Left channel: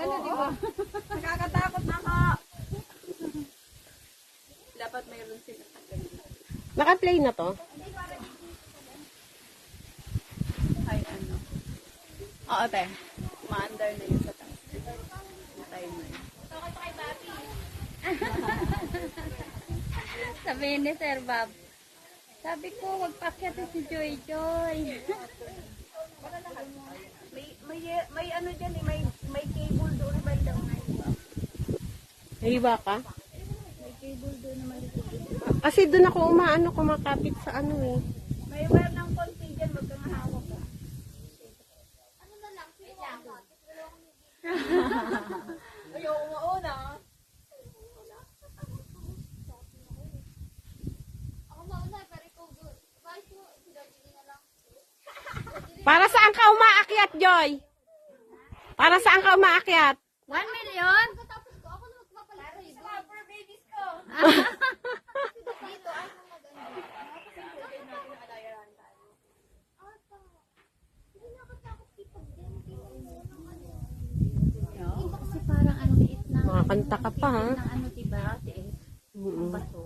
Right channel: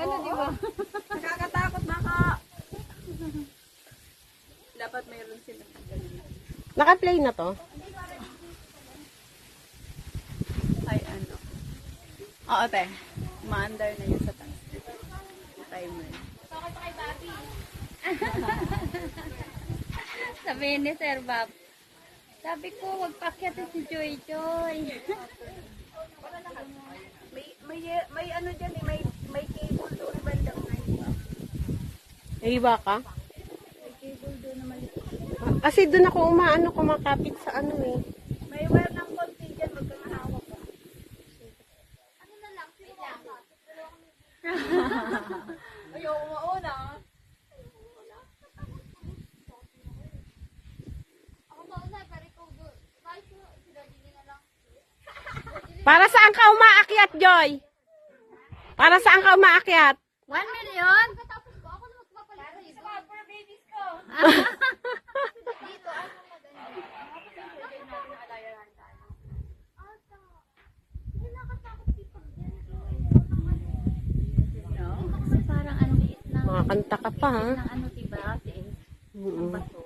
Ano, di ba? Nakakatakot na ka. Dapat mayroon sila ng ganun. Naka-play na to? Ay, ano. Oo, te. Maanday nila sa tayo nila. Sabihin ni Sir Bob, sabi ko, wag pakyat si Joy Joy. may ano dyan eh, may cable doon bandang ngayon. Hiwa ka? May cable doon na maliit. Kasi doon ako kumakapit sa ano eh. May wire ng konti dyan, wag kang hawak ka. Ano na lang, sino amat? Ayaw mauna. Para saan ka umaakyat, Joy? Para saan ka umaakyat? 1 million? Kasi parang ano, liit na Makakanta ka pa, ha? ano, diba? Mm-mm. Bato.